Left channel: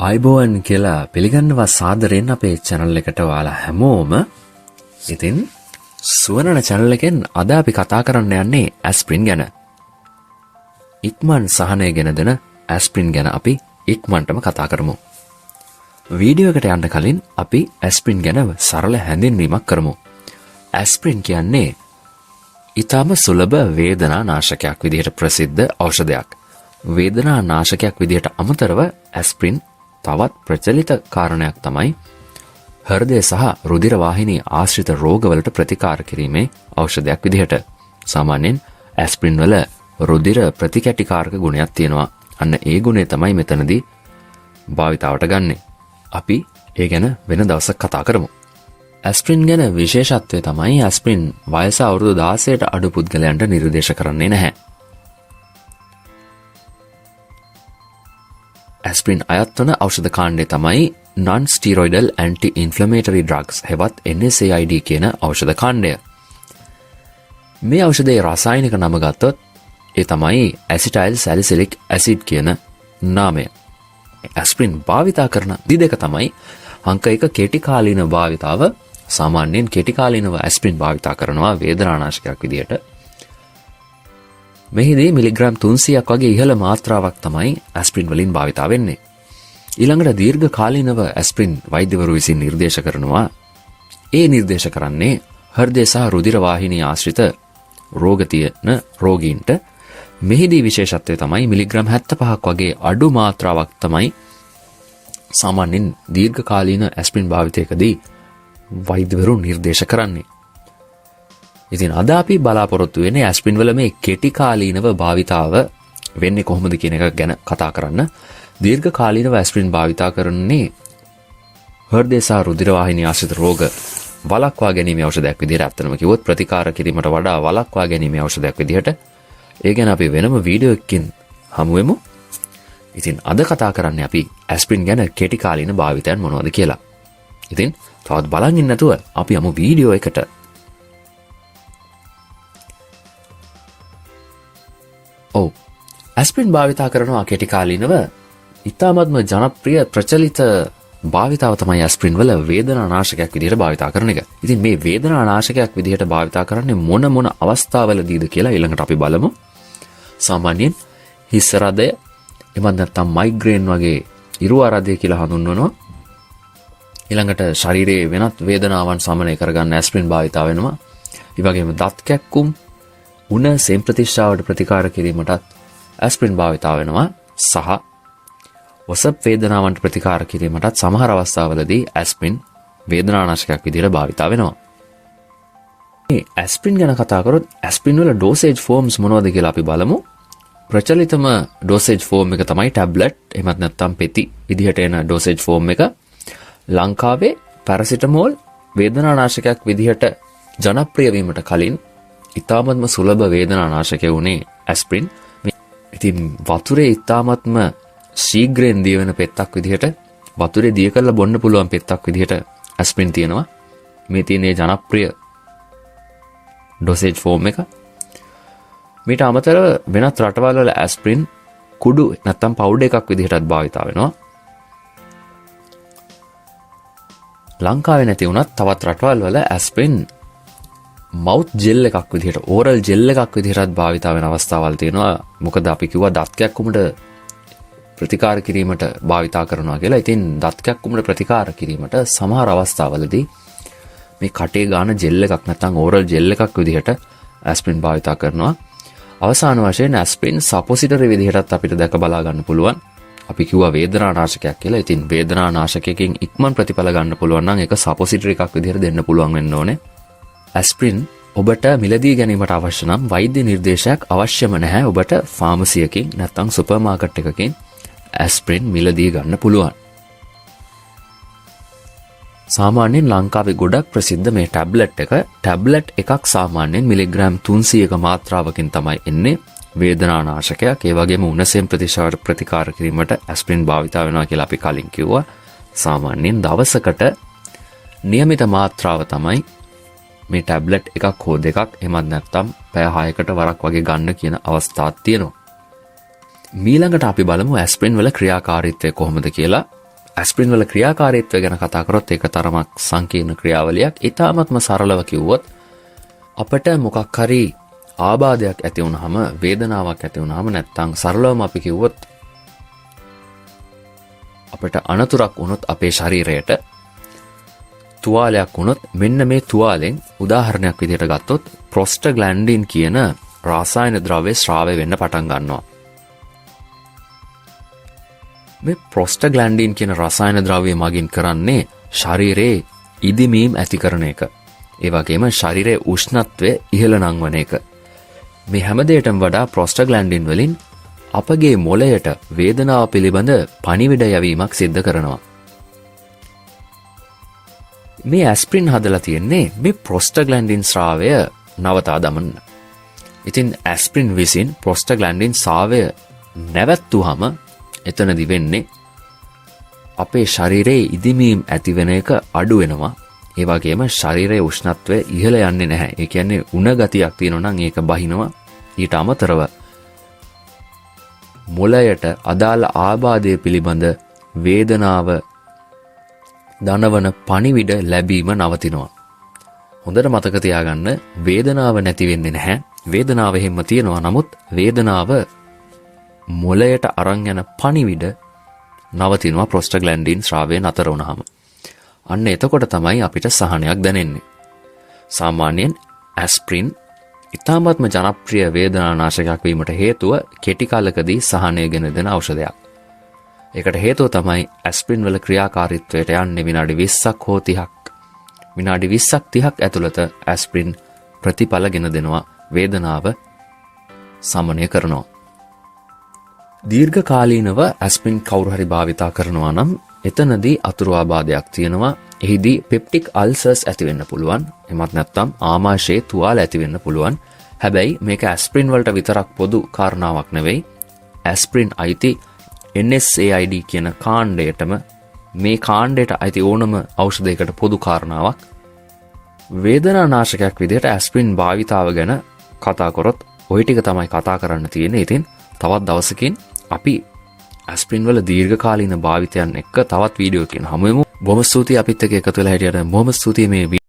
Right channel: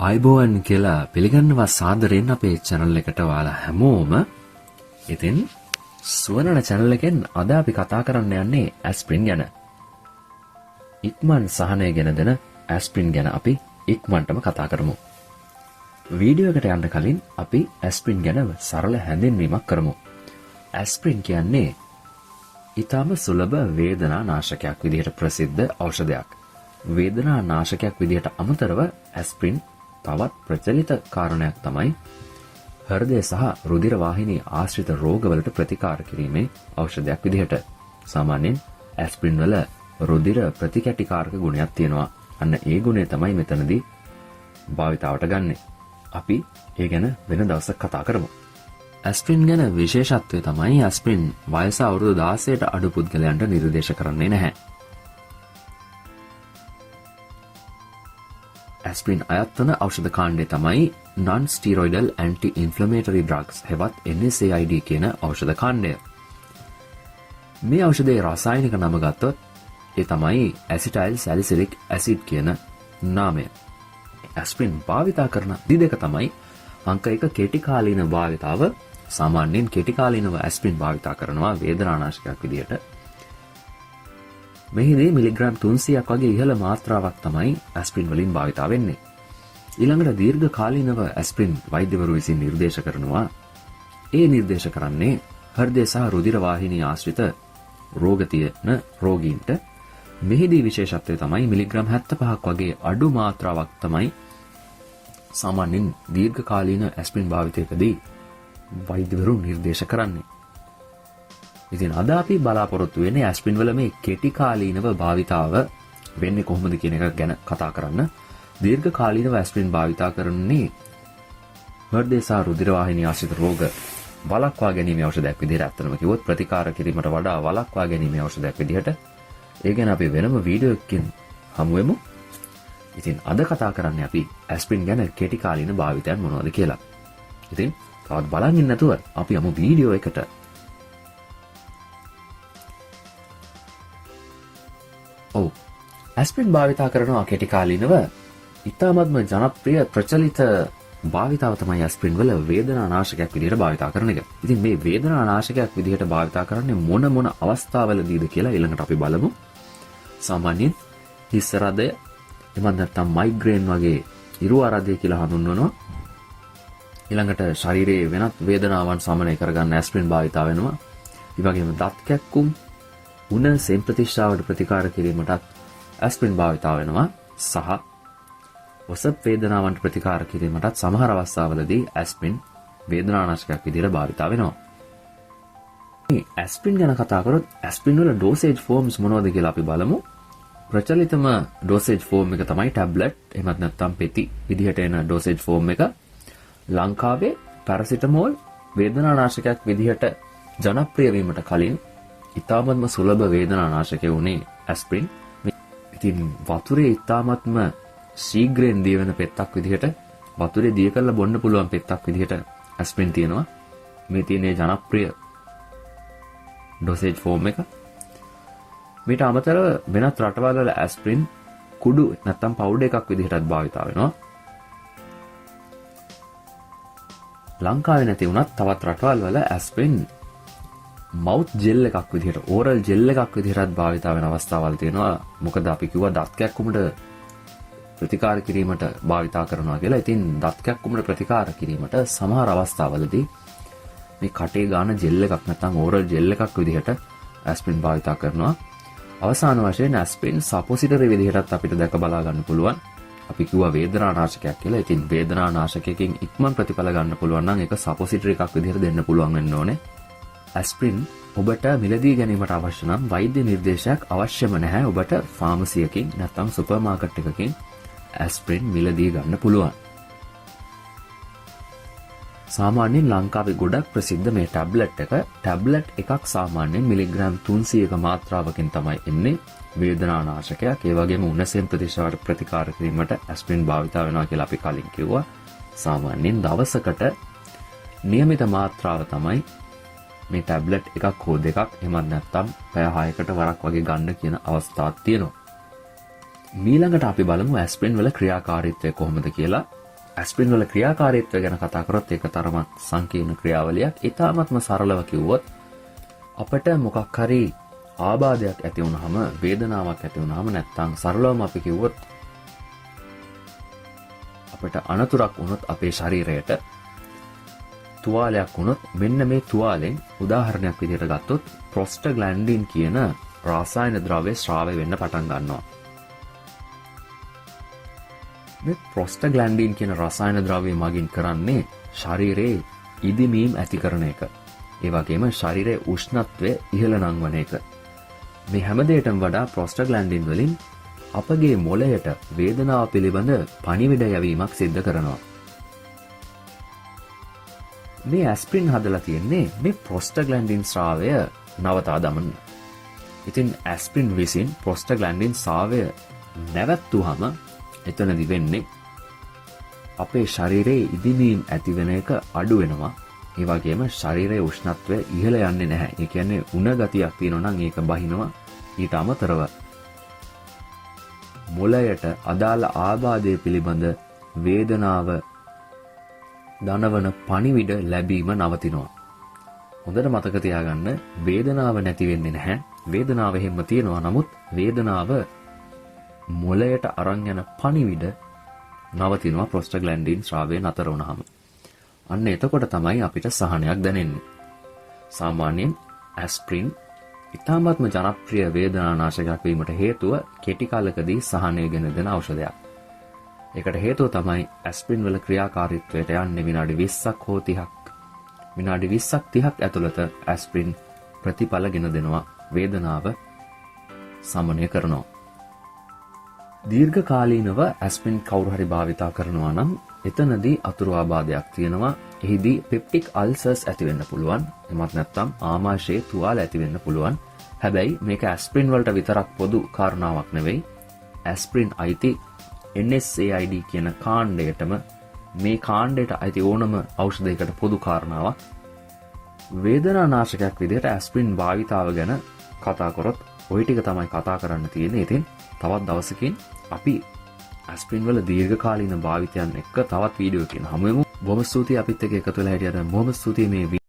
ආයිබෝවන් කියලා පිළිගන්නවා සාදරයෙන් අපේ channel එකට ඔයාලා හැමෝම. ඉතින් සුවනන channel එකෙන් අද අපි කතා කරන්න යන්නේ ඇස්ප්‍රින් ගැන. ඉක්මන් සහනය ගෙන දෙන ඇස්ප්‍රින් ගැන අපි ඉක්මනටම කතා කරමු. වීඩියෝ එකට යන්න කලින් අපි ඇස්ප්‍රින් ගැන සරල හැඳින්වීමක් කරමු. ඇස්ප්‍රින් කියන්නේ ඊටම සුලභ වේදනා නාශකයක් විදිහට ප්‍රසිද්ධ ඖෂධයක්. වේදනා නාශකයක් විදිහට අමතරව ඇස්ප්‍රින් තවත් ප්‍රචලිත කාරණයක් තමයි හෘදය සහ රුධිර වාහිනී ආශ්‍රිත රෝගවලට ප්‍රතිකාර කිරීමේ ඖෂධයක් විදිහට. සාමාන්‍යයෙන් ඇස්ප්‍රින් වල රුධිර ප්‍රතිකැටිකාරක ගුණයක් තියෙනවා. අන්න ඒ ගුණය තමයි මෙතනදී භාවිතාවට ගන්නෙ. අපි ඒ ගැන වෙන දවසක් කතා කරමු. ඇස්ප්‍රින් ගැන විශේෂත්වය තමයි ඇස්ප්‍රින් වයස අවුරුදු 16ට අඩු පුද්ගලයන්ට නිර්දේශ කරන්නේ නැහැ. ඇස්ප්‍රින් අයත් වන ඖෂධ කාණ්ඩය තමයි non-steroidal anti-inflammatory drugs හෙවත් NSAID කියන ඖෂධ කාණ්ඩය. මේ ඖෂධයේ රසායනික නම ගත්තොත් ඒ තමයි ඇසිටයිල් සැලිසිලික් ඇසිඩ් කියන නාමය. ඇස්ප්‍රින් භාවිතා කරන විදි දෙක තමයි අංක 1 කෙටි කාලීන භාවිතාව. සාමාන්‍යයෙන් කෙටි කාලීනව ඇස්ප්‍රින් භාවිතා කරනවා වේදනානාශකයක් විදියට. මෙහිදී මිලිග්‍රෑම් 300ක් වගේ ඉහළ මාත්‍රාවක් තමයි ඇස්ප්‍රින් වලින් භාවිතා වෙන්නේ. ඊළඟට දීර්ඝ කාලීනව ඇස්ප්‍රින් වෛද්‍යවරු විසින් නිර්දේශ කරනවා. ඒ නිර්දේශ කරන්නේ හෘදය සහ රුධිර වාහිනී ආශ්‍රිත රෝග තියෙන රෝගීන්ට. මෙහිදී විශේෂත්වය තමයි මිලිග්‍රෑම් 75ක් වගේ අඩු මාත්‍රාවක් තමයි සාමාන්‍යයෙන් දීර්ඝ කාලීන ඇස්ප්‍රින් භාවිතයකදී වෛද්‍යවරු නිර්දේශ කරන්නේ. ඉතින් අද අපි බලාපොරොත්තු වෙන්නේ ඇස්ප්‍රින් වල මේ කෙටි කාලීනව භාවිතාව වෙන්නේ කොහොමද කියන එක ගැන කතා කරන්න. දීර්ඝ කාලීනව ඇස්ප්‍රින් භාවිතා කරන්නේ හෘදය සහ රුධිර වාහිනී ආශ්‍රිත රෝග වළක්වා ගැනීමේ ඖෂධයක් විදිහට. අත්‍තරම කිව්වොත් ප්‍රතිකාර කිරීමට වඩා වළක්වා ගැනීමේ ඖෂධයක් විදිහට. ඒ ගැන අපි වෙනම වීඩියෝ එකකින් හමු වෙමු. ඉතින් අද කතා කරන්නේ අපි ඇස්ප්‍රින් ගැන කෙටි කාලීන භාවිතයන් මොනවද කියලා. ඉතින් තවත් බලන් ඉන්න නැතුව අපි යමු වීඩියෝ එකට. ඔව්, ඇස්ප්‍රින් භාවිතා කරනවා කෙටි කාලීනව ඉතාමත්ම ජනප්‍රිය ප්‍රචලිත භාවිතාව තමයි ඇස්ප්‍රින් වල වේදනානාශකයක් විදිහට භාවිතා කරන එක. ඉතින් මේ වේදනානාශකයක් විදිහට භාවිතා කරන්නේ මොන අවස්ථාවලදීද කියලා ඊළඟට අපි බලමු. සාමාන්‍යයෙන් හිස් රදය, එමත් නැත්නම් මයිග්‍රේන් වගේ ඉරු ආරාධය කියලා හඳුන්වනවා. ඊළඟට ශරීරයේ වෙනත් වේදනාවන් සමනය කරගන්න ඇස්ප්‍රින් භාවිතා වෙනවා. ඒ වගේම දත් කැක්කුම්, උණ සෙම් ප්‍රතිශ්‍රාවට ප්‍රතිකාර කිරීමට ඇස්ප්‍රින් භාවිතා වෙනවා. සහ ඔසප් වේදනාවන්ට ප්‍රතිකාර කිරීමටත් සමහර අවස්ථාවලදී ඇස්ප්‍රින් වේදනානාශකයක් විදිහට භාවිතා වෙනවා. මේ ඇස්ප්‍රින් ගැන කතා කරොත් ඇස්ප්‍රින් වල ඩෝසේජ් ෆෝම්ස් මොනවද කියලා අපි බලමු. ප්‍රචලිතම ඩෝසේජ් ෆෝම් එක තමයි ටැබ්ලට් එහෙමත් නැත්නම් පෙති විදිහට එන ඩෝසේජ් ෆෝම් එක. ලංකාවේ පැරසිටමෝල් වේදනානාශකයක් විදිහට ජනප්‍රිය වීමට කලින් ඉතාමත්ම සුලභ වේදනානාශකය වුණේ ඇස්ප්‍රින්. ඉතින් වතුරේ ඉතාමත්ම ශීඝ්‍රයෙන් දිය වෙන පෙත්තක් විදිහට, වතුරේ දිය කරලා බොන්න පුළුවන් පෙත්තක් විදිහට ඇස්ප්‍රින් තියෙනවා. මේ තියෙන ජනප්‍රිය ඩෝසේජ් ෆෝම් එක. මේට අමතරව වෙනත් රටවල් වල ඇස්ප්‍රින් කුඩු නැත්නම් පවුඩර් එකක් විදිහටත් භාවිතා වෙනවා. ලංකාවේ නැති වුණත් තවත් රටවල් වල ඇස්ප්‍රින් මවුත් ජෙල් එකක් විදිහට, ඕරල් ජෙල් එකක් විදිහටත් භාවිතා වෙන අවස්ථාවල් තියෙනවා. මොකද අපි කිව්වා දත් කැක්කුමට ප්‍රතිකාර කිරීමට භාවිතා කරනවා කියලා. ඉතින් දත් කැක්කුමට ප්‍රතිකාර කිරීමට සමහර අවස්ථාවලදී මේ කටේ ගාන ජෙල් එකක් නැත්නම් ඕරල් ජෙල් එකක් විදිහට ඇස්ප්‍රින් භාවිතා කරනවා. අවසාන වශයෙන් ඇස්ප්‍රින් සපොසිටරි විදිහටත් අපිට දැක බලා ගන්න පුළුවන්. අපි කිව්වා වේදනානාශකයක් කියලා. ඉතින් වේදනානාශකයකින් ඉක්මන් ප්‍රතිඵල ගන්න පුළුවන් නම් ඒක සපොසිටරි එකක් විදිහට දෙන්න පුළුවන් වෙන්න ඕනේ. ඇස්ප්‍රින් ඔබට මිලදී ගැනීමට අවශ්‍ය නම් වෛද්‍ය නිර්දේශයක් අවශ්‍යම නැහැ. ඔබට ෆාමසියකින් නැත්නම් සුපර් මාකට් එකකින් ඇස්ප්‍රින් මිලදී ගන්න පුළුවන්. සාමාන්‍යයෙන් ලංකාවේ ගොඩක් ප්‍රසිද්ධ මේ ටැබ්ලට් එක. ටැබ්ලට් එකක් සාමාන්‍යයෙන් මිලිග්‍රෑම් 300ක මාත්‍රාවකින් තමයි එන්නේ. වේදනානාශකයක්. ඒ වගේම උණ සෙම් ප්‍රතිශ්‍රාවට ප්‍රතිකාර කිරීමට ඇස්ප්‍රින් භාවිතා වෙනවා කියලා අපි කලින් කිව්වා. සාමාන්‍යයෙන් දවසකට નિયમિત මාත්‍රාව තමයි මේ ටැබ්ලට් එකක් හෝ දෙකක් එමත් නැත්නම් පැය 6කට වරක් වගේ ගන්න කියන අවස්ථාවක් තියෙනවා. මීළඟට අපි බලමු ඇස්ප්‍රින් වල ක්‍රියාකාරීත්වය කොහොමද කියලා. ඇස්ප්‍රින් වල ක්‍රියාකාරීත්වය ගැන කතා කරොත් ඒක තරමක් සංකීර්ණ ක්‍රියාවලියක්. ඊටාත්ම සරලව කිව්වොත් අපිට මොකක් හරි ආබාධයක් ඇති වුනහම, වේදනාවක් ඇති වුනහම, නැත්නම් සරලවම අපි කිව්වොත් අපිට අනතුරක් වුණොත් අපේ ශරීරයට තුවාලයක් වුණොත් මෙන්න මේ තුවාලෙන් උදාහරණයක් විදිහට ගත්තොත් ප්‍රොස්ටග්ලැන්ඩින් කියන රසායන ද්‍රව්‍ය ස්‍රාවය වෙන්න පටන් ගන්නවා. මේ ප්‍රොස්ටග්ලැන්ඩින් කියන රසායන ද්‍රව්‍ය මගින් කරන්නේ ශරීරයේ ඉදිමීම් ඇති කරන එක. ඒ වගේම ශරීරයේ උෂ්ණත්වය ඉහළ නංවන එක. මේ හැම දෙයකටම වඩා ප්‍රොස්ටග්ලැන්ඩින් වලින් අපගේ මොළයට වේදනාව පිළිබඳ පණිවිඩ යැවීමක් සිද්ධ කරනවා. මේ ඇස්ප්‍රින් හදලා තියෙන්නේ මේ ප්‍රොස්ටග්ලැන්ඩින් ස්‍රාවය නවතා දමන්න. ඉතින් ඇස්ප්‍රින් විසින් ප්‍රොස්ටග්ලැන්ඩින් ස්‍රාවය නැවැත්තුවහම එතනදි වෙන්නේ අපේ ශරීරයේ ඉදිමීම් ඇතිවෙන එක අඩු වෙනවා. ඒ වගේම ශරීරයේ උෂ්ණත්වය ඉහළ යන්නේ නැහැ. ඒ කියන්නේ උණ ගතියක් තියෙනවා නම් ඒක බහිනවා. ඊට අමතරව මොළයට අදාළ ආබාධය පිළිබඳ වේදනාව දනවන පණිවිඩ ලැබීම නවතිනවා. හොඳට මතක තියාගන්න වේදනාව නැති වෙන්නේ නැහැ. වේදනාව හැම තියෙනවා. නමුත් වේදනාව මොළයට අරන් යන පණිවිඩ නවතිනවා ප්‍රොස්ටග්ලැන්ඩින් ස්‍රාවය නතර වුණාම. අන්න එතකොට තමයි අපිට සහනයක් දැනෙන්නේ. සාමාන්‍යයෙන් ඇස්ප්‍රින් ඉතාමත්ම ජනප්‍රිය වේදනානාශකයක් වීමට හේතුව කෙටි කාලකදී සහනය ගෙන දෙන ඖෂධයක්. ඒකට හේතුව තමයි ඇස්ප්‍රින් වල ක්‍රියාකාරීත්වයට යන්නේ විනාඩි 20ක් හෝ 30ක්. විනාඩි 20ක් 30ක් ඇතුළත ඇස්ප්‍රින් ප්‍රතිඵල ගෙන දෙනවා, වේදනාව සමනය කරනවා. දීර්ඝ කාලීනව ඇස්ප්‍රින් කවුරු හරි භාවිතා කරනවා නම් එතනදී අතුරු ආබාධයක් තියෙනවා. එහිදී පෙප්ටික් අල්සර්ස් ඇති වෙන්න පුළුවන්. එමත් නැත්නම් ආමාශයේ තුවාල ඇති වෙන්න පුළුවන්. හැබැයි මේක ඇස්ප්‍රින් වලට විතරක් පොදු කාරණාවක් නෙවෙයි. ඇස්ප්‍රින් අයිති NSAID කියන කාණ්ඩයටම, මේ කාණ්ඩයට අයිති ඕනම ඖෂධයකට පොදු කාරණාවක්. වේදනානාශකයක් විදිහට ඇස්ප්‍රින් භාවිතාව ගැන කතා කරොත් ওই ටික තමයි කතා කරන්න තියෙන්නේ. ඉතින් තවත් දවසකින් අපි ඇස්ප්‍රින් වල දීර්ඝකාලීන භාවිතයන් එක්ක තවත් වීඩියෝ එකකින් හමු වෙමු. බොහොම ස්තුතියි අපිත් එක්ක එකතු වෙලා හිටියට. බොහොම ස්තුතියි මේ